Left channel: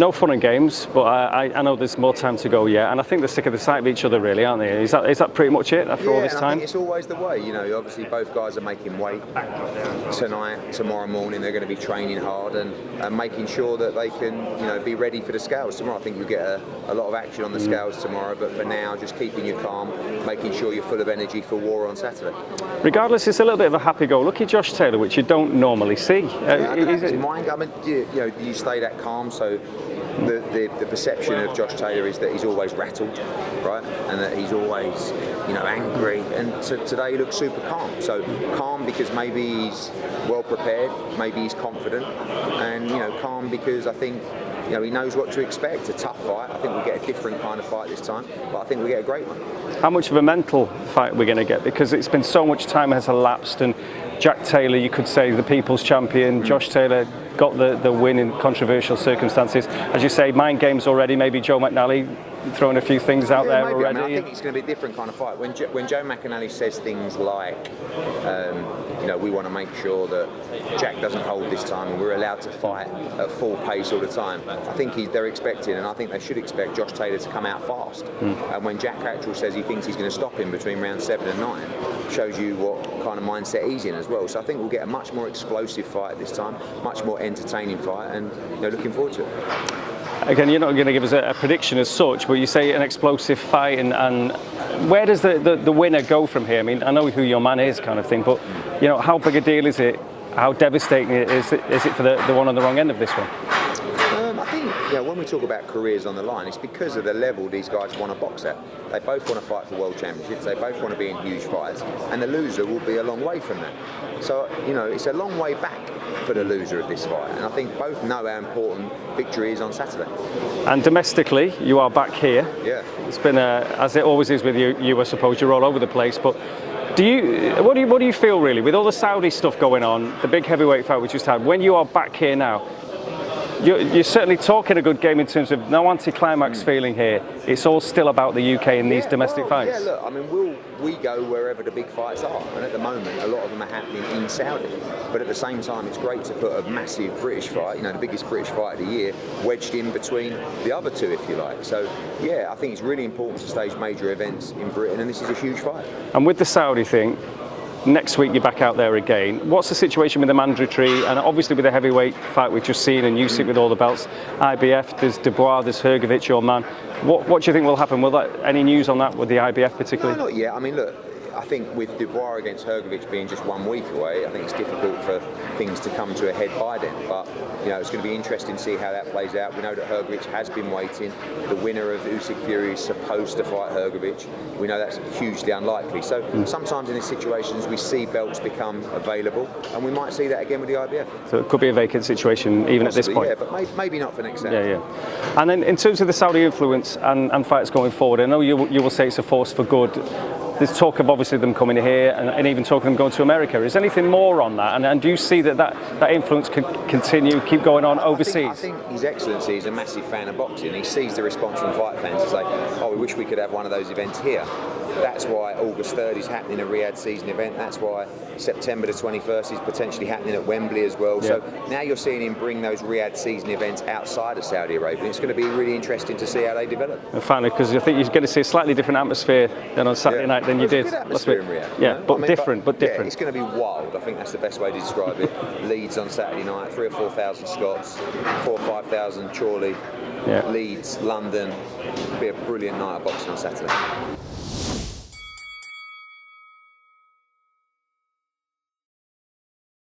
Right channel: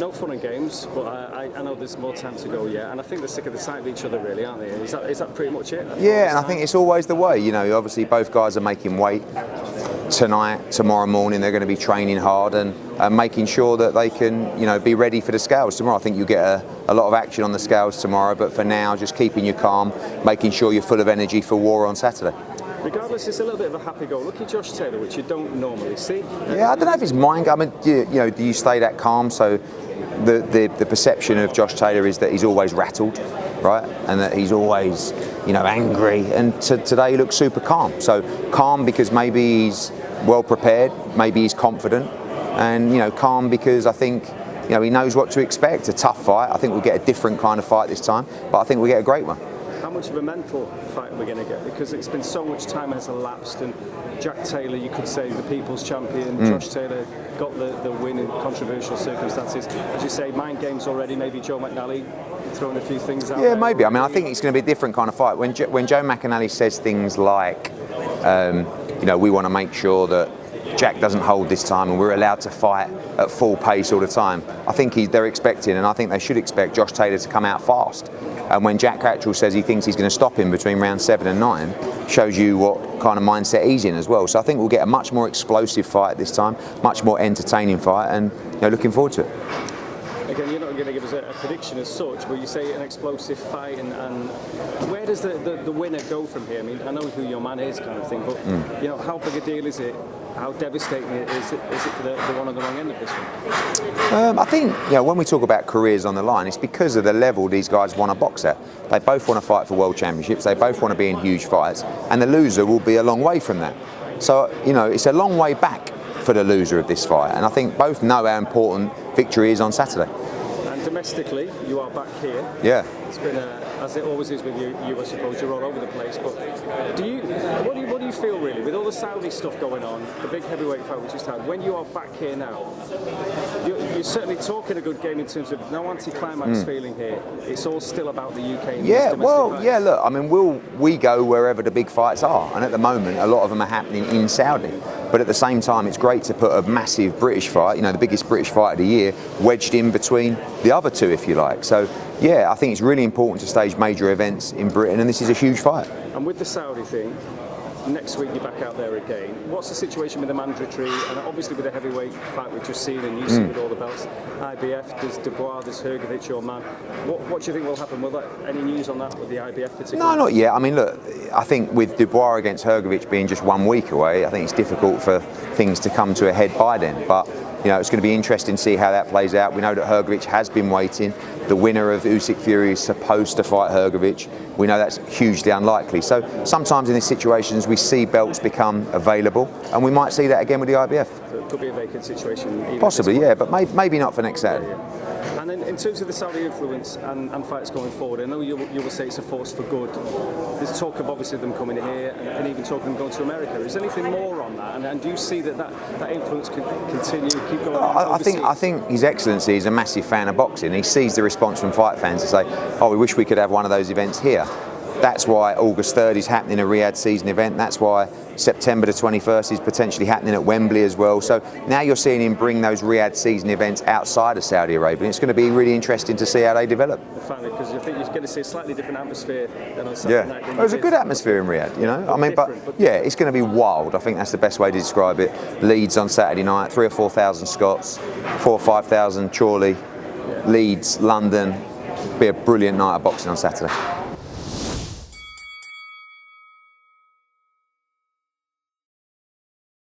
no fun and games, but I know there's more time to go yet, and I think they're sick of the sight of each other, really, aren't they? Is that pretty much it? Yeah, and I think it's always the way. You know, obviously both guys are making weight tonight, tomorrow morning. They're going to be training hard and making sure that they can, you know, be ready for the scales tomorrow. I think you'll get a lot of action on the scales tomorrow, but for now, just keeping you calm, making sure you're full of energy for war on Saturday. Regardless, it's a little bit of a happy-go-lucky Josh Taylor, which you don't normally see. Yeah, I don't know if his mind. I mean, you know, do you stay that calm? So the perception of Josh Taylor is that he's always rattled, right, and that he's always, you know, angry. And today he looks super calm. So calm because maybe he's well prepared, maybe he's confident, and you know, calm because I think, you know, he knows what to expect. A tough fight. I think we get a different kind of fight this time, but I think we get a great one. How much of a mental fight we're going to get, because it's been so much time has elapsed, and Jack Taylor, you could say, the people's champion. Josh Taylor got the win in controversial circumstances. As you say, mind games already. Maybe Joe McNally throwing a few things out there. Yeah, maybe. Already. I mean, I think it's going to be a different kind of fight. When Joe McNally says things like, you know, we want to make sure that Jack doesn't hold this time and we're allowed to fight at full pace all the time, I think they're expecting, and I think they should expect, Josh Taylor to come out fast. And when Jack Catterall says he thinks he's going to stop him between rounds 7 and 9, shows you what kind of mindset he's in as well. So I think we'll get a much more explosive fight this time, much more entertaining fight, and you know, looking forward to it. Again, you're not going to give us a prediction as such, but you say an explosive fight, and where does the winner go from here? I mean, I know who your man is, kind of thing, but you know, how big a deal is it? How devastating is it for the one on the wrong end of this one? I think, you know, when we talk about careers on the line, it's because of the level these guys want to box at. They both want to fight for world championships. They both want to be in huge fights, and the loser will be a long way from that. So, you know, it's a long way back for the loser of this fight, and I think both know how important victory is on Saturday. And domestically, you are back here. Yeah. It's been, as it always is with you, I suppose, you're all over the place, but what do you feel, really, with all the Saudi stuff going on, the big heavyweight fight we just had, when you are back here now? You're certainly talking a good game in terms of no anti-climax feeling here. It's all still about the UK in these domestic fights. Yeah, look, I mean, we go wherever the big fights are, and at the moment, a lot of them are happening in Saudi. But at the same time, it's great to put a massive British fight, you know, the biggest British fight of the year, wedged in between the other two, if you like. So, yeah, I think it's really important to stage major events in Britain, and this is a huge fight. And with the Saudi thing, next week you're back out there again. What's the situation with the mandatory, and obviously with the heavyweight fight we've just seen, and Usyk with all the belts, IBF, there's Dubois, there's Hrgovic, your man. What do you think will happen? Will any news on that with the IBF particularly? No, not yet. I mean, look, I think with Dubois against Hrgovic being just 1 week away, I think it's difficult for things to come to a head by then. But you know, it's going to be interesting to see how that plays out. We know that Hrgovic has been waiting. The winner of Usyk Fury is supposed to fight Hrgovic. We know that's hugely unlikely. So sometimes in these situations we see belts become available, and we might see that again with the IBF. So it could be a vacant situation even possibly, at this point. Yeah, but maybe not for next Saturday. Yeah. And then in terms of the Saudi influence and fights going forward, I know you will say it's a force for good. There's talk of obviously them coming here and even talk of them going to America. Is there anything more on that? And do you see that influence can continue, keep going on overseas? I think His Excellency is a massive fan of boxing. He sees the response from fight fans to say, oh, we wish we could have one of those events here. That's why August 3rd is happening, a Riyadh season event. That's why September the 21st is potentially happening at Wembley as well. Yeah. So now you're seeing him bring those Riyadh season events outside of Saudi Arabia. It's going to be really interesting to see how they develop. And finally, because I think you're going to see a slightly different atmosphere than on Saturday night than you did. It's a good atmosphere in Riyadh. Yeah, but different. Yeah, it's going to be wild. I think that's the best way to describe it. Leeds on Saturday night, 3,000 or 4,000 Scots, 4,000 or 5,000 Chorley, Leeds, London. Be a brilliant night of boxing on Saturday.